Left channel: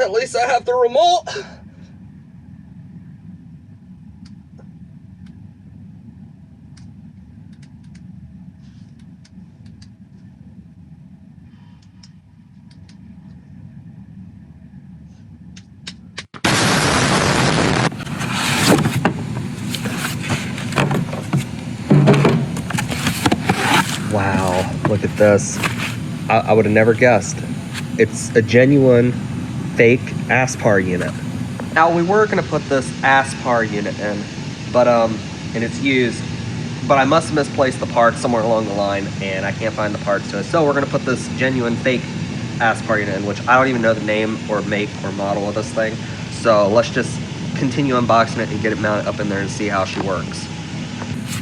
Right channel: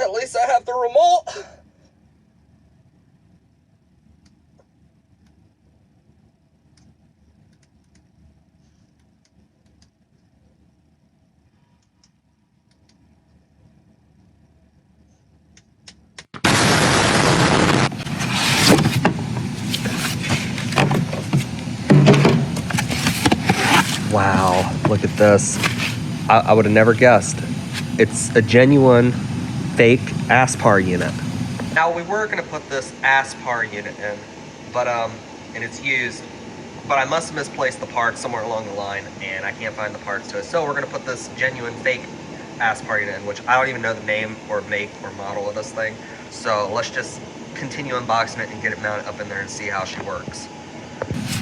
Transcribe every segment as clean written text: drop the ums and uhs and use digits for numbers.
At least I have the remote. Wow, look at this. I would have never guessed. It's a genuine fake espar unit. Now we were gonna put this espar unit in, but and it's used, but I must have misplaced the parts somewhere along the line and I can't find the parts to it. So we're gonna put this genuine fake espar unit in, which I don't even know the name or make or model of this thing. So let's just continue unboxing it and get it mounted up in there and see how she works.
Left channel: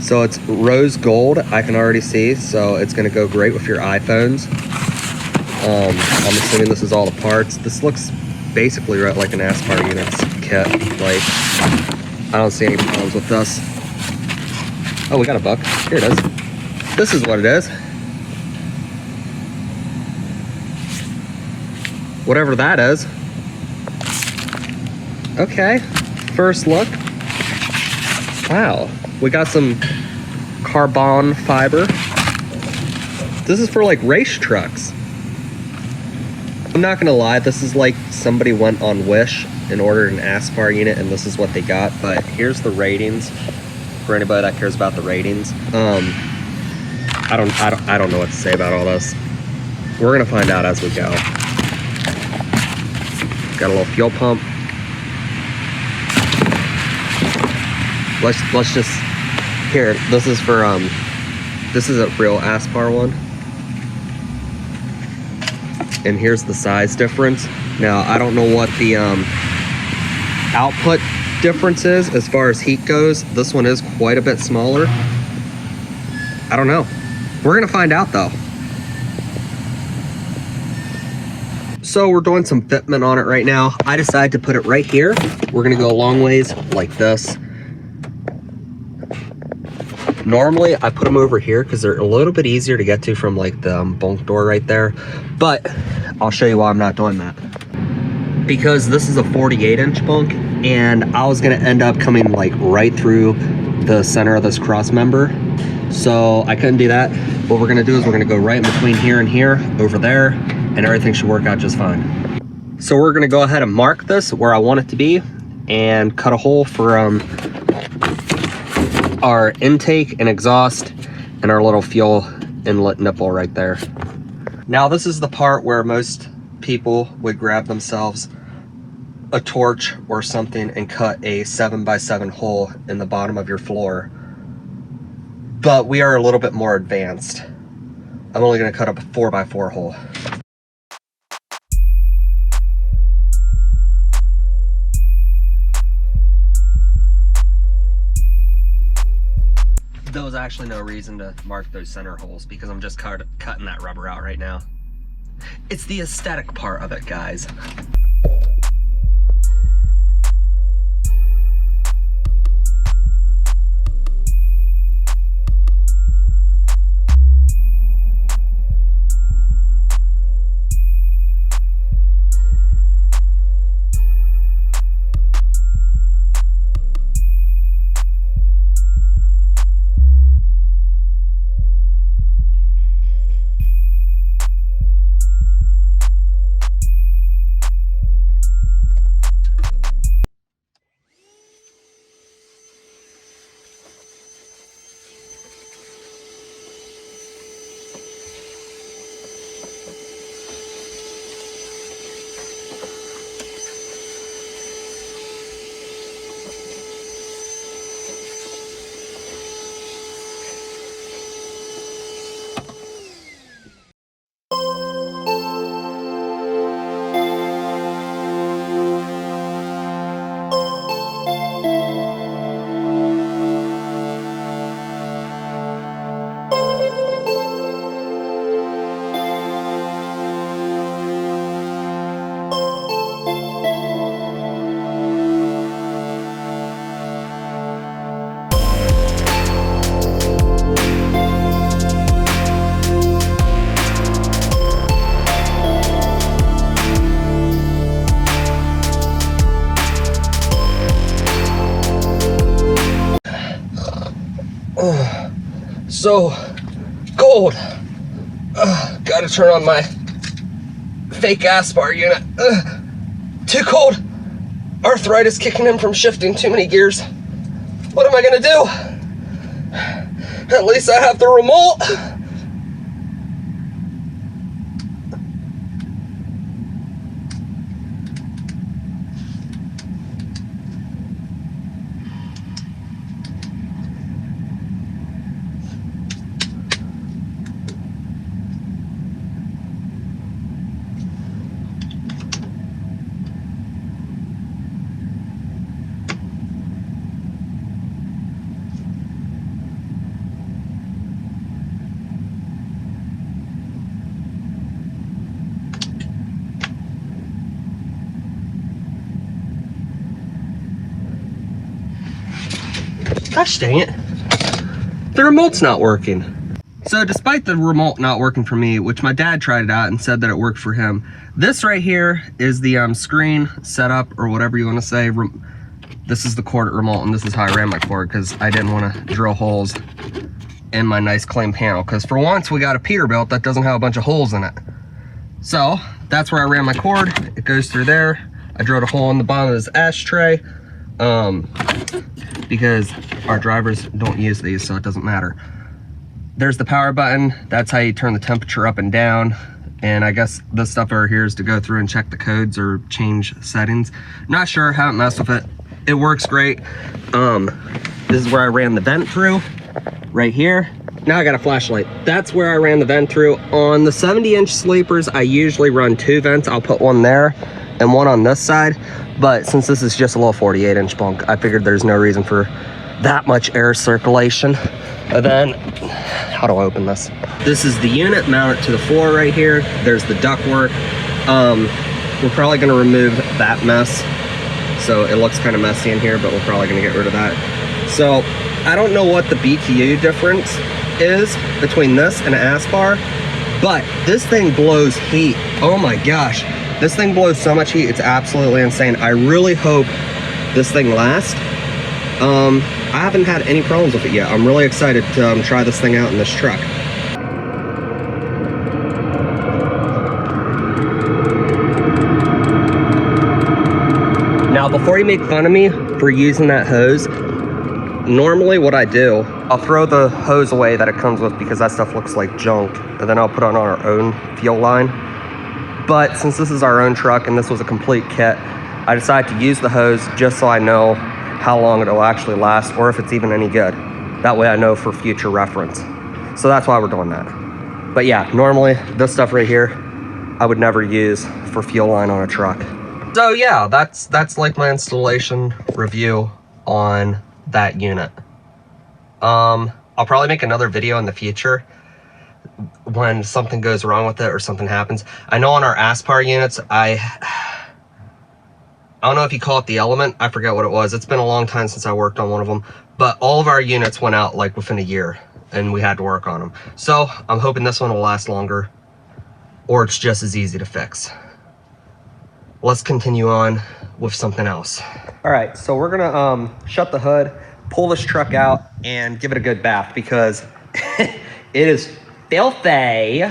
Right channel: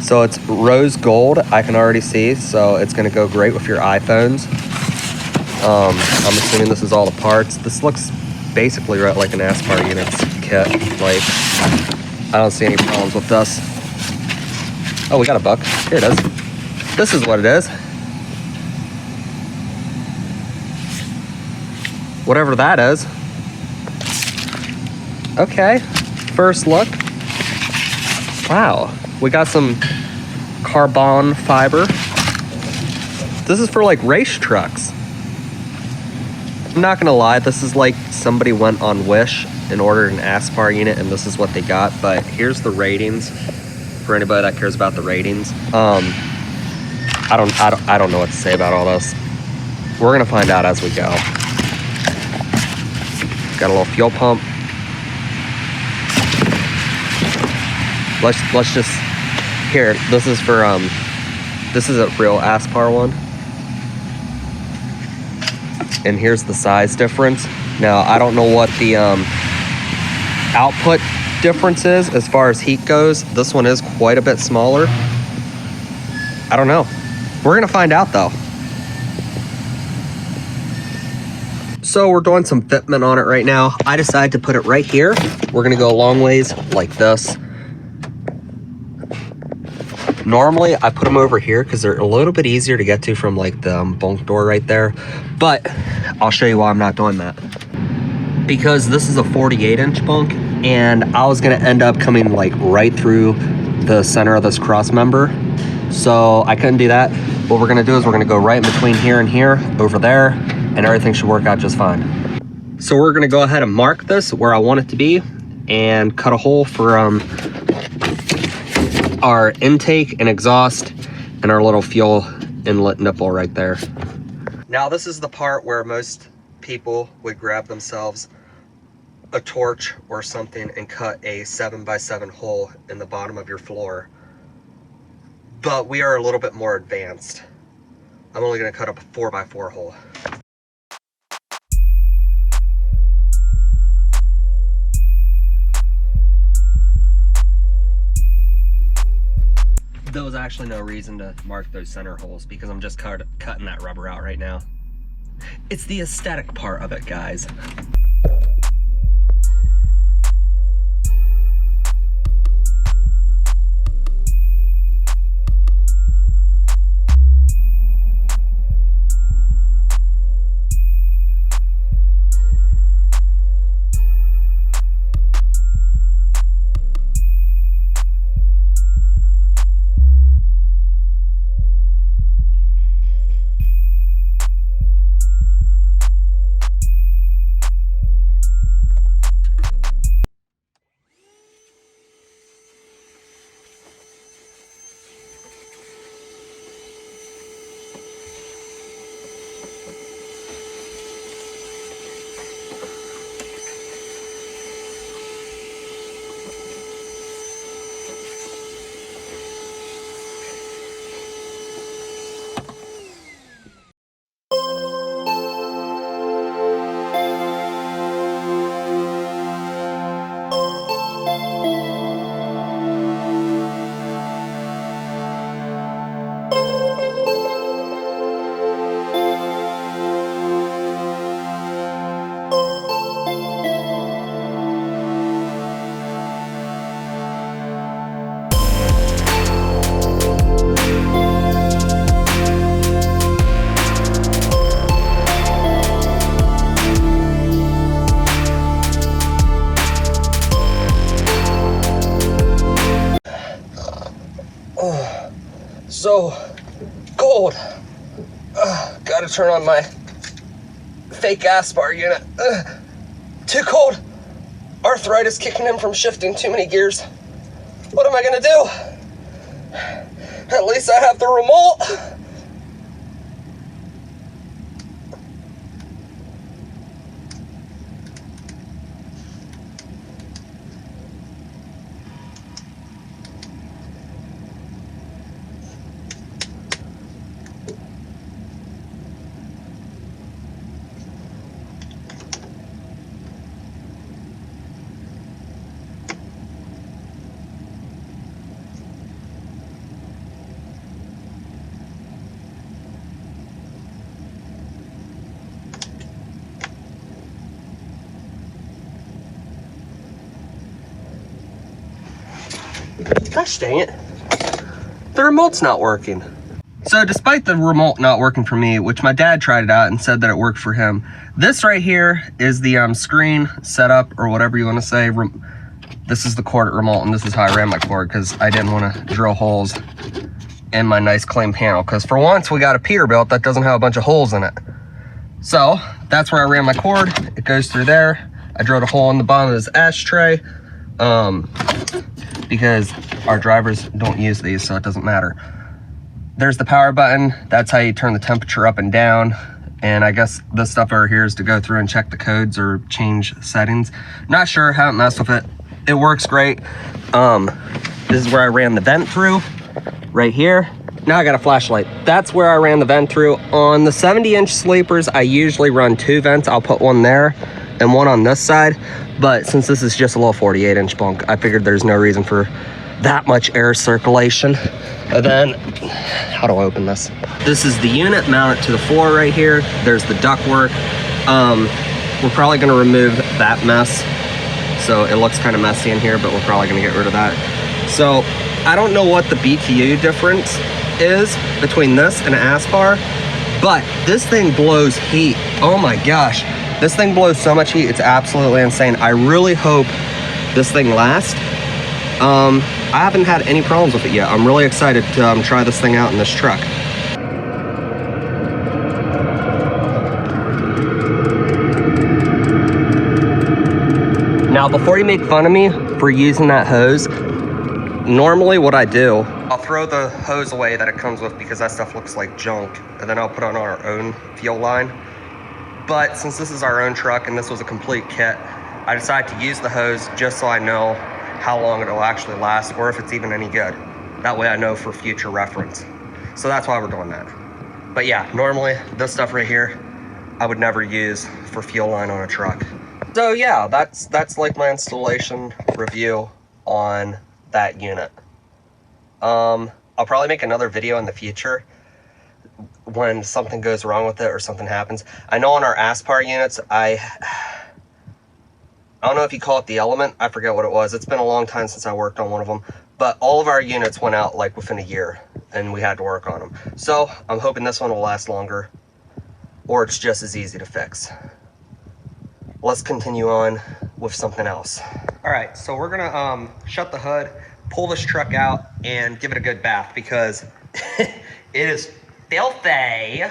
So it's rose gold, I can already see, so it's gonna go great with your iPhones. I'm assuming this is all the parts. This looks basically right like an espar units kit. Like, I don't see any problems with this. Oh, we got a buck. Here it is. This is what it is. Whatever that is. Okay, first look. Wow, we got some carbon fiber. This is for like race trucks. I'm not gonna lie, this is like somebody went on Wish and ordered an espar unit and this is what they got, but here's the ratings for anybody that cares about the ratings. I don't know what to say about all this. We're gonna find out as we go. Got a little fuel pump. Let's just, here, this is for, this is a real espar one. And here's the size difference. Now, I don't know what the output difference is as far as heat goes. This one is quite a bit smaller. I don't know. We're gonna find out though. So we're doing some fitment on it right now. I decided to put it right here. We're gonna go a long ways like this. Normally I put them over here because they're a little bit easier to get to from like the bunk door right there. But I'll show you why I'm not doing that. Because this is a 48-inch bunk and I was gonna end up coming like right through the center of this cross member. So I couldn't do that. What we're gonna do is we're gonna go right in between here and here, over there, and everything should work out just fine. So we're gonna go ahead and mark this where I want it to be and cut a hole for our intake and exhaust and our little fuel inlet nipple right there. Now this is the part where most people would grab themselves a torch or something and cut a 7x7 hole in the bottom of your floor. But we are a little bit more advanced. I'm only gonna cut up a 4x4 hole. There was actually no reason to mark those center holes because I'm just cutting that rubber out right now. It's the aesthetic part of it, guys. so cold. Gotta turn on my fake espar unit. Too cold. Arthritis kicking in from shifting too many gears. What am I gonna do? At least I have the remote. Gosh dang it. The remote's not working. So despite the remote not working for me, which my dad tried it out and said that it worked for him, this right here is the screen setup, or whatever you want to say. This is the cord remote, and this is how I ran my cord because I didn't want to drill holes in my nice clean panel. Because for once, we got a Peterbilt that doesn't have a bunch of holes in it. So that's where I ran my cord. It goes through there. I drilled a hole in the bottom of this ashtray. Because our drivers don't use these, so it doesn't matter. There's the power button. That's how you turn the temperature up and down. And I guess this stuff over here is to go through and check the codes or change settings. Not sure, haven't messed with it. It works great. This is where I ran the vent through, right here. Now I got a flashlight. That's where I ran the vent through. On the 70-inch sleepers, I usually run 2 vents. I'll put one there and one on this side. But since this is just a little 48-inch bunk, I figured there's no reason for that much air circulation. And then, how do I open this? This is the unit, mount it to the floor right here. There's the ductwork. We're probably gonna remove that mess. So it looks kind of messy in here, but we're probably gonna get rid of that. So I don't know what the BTU difference is between this and Aspar, but this thing blows heat. Oh my gosh. This thing blows so much heat, it's absolutely insane. I really hope this thing lasts. I haven't had any problems with it yet. I'm really excited to try this thing out in this truck. Now, before you make fun of me for using that hose, normally what I do, I'll throw the hose away that it comes with because that stuff looks like junk, and then I'll put on our own fuel line. But since this is our own truck and this was a complete kit, I decided to use the hose just so I know how long it'll actually last or if it's even any good. That way I know for future reference. So that's why we're doing that. But yeah, normally this stuff right here, I would never use for fuel line on a truck. So yeah, that's like my installation review on that unit. I'll probably make another video in the future when something goes wrong with it or something happens. I know on our Aspar units, I don't know if you call it the element, I forget what it was. It's been a long time since I worked on one of them, but all of our units went out like within a year and we had to work on them. So I'm hoping this one will last longer, or it's just as easy to fix. Let's continue on with something else. All right, so we're gonna shut the hood, pull this truck out, and give it a good bath because it is filthy.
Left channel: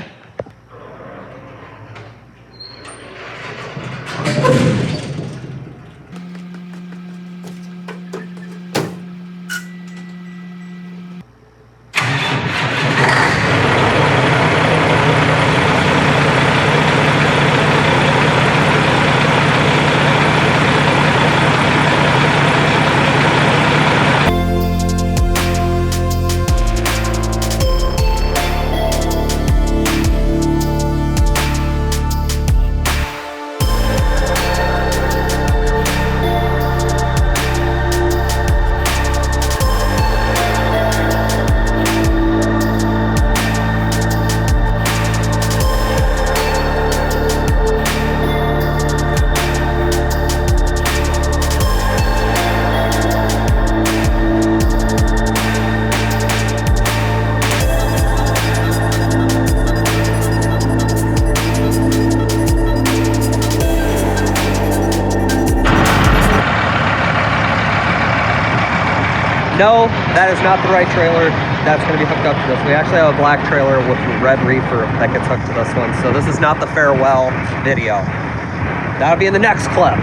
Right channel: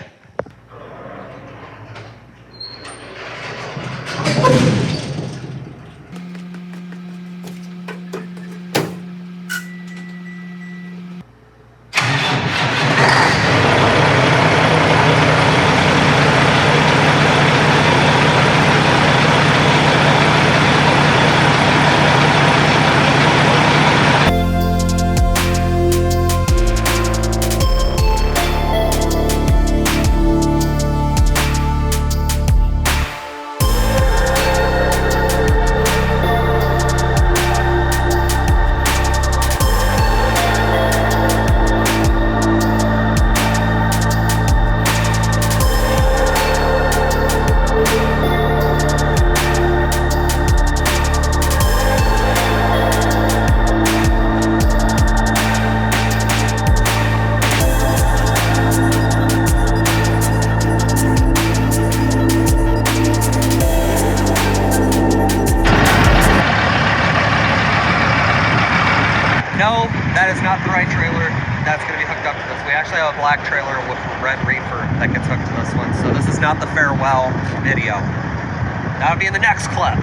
No, that is not the right trailer. that's going to be hooked up to this. We actually have a black trailer with a red reefer that gets hooked to this one. So this is not the farewell video. That'll be in the next clip.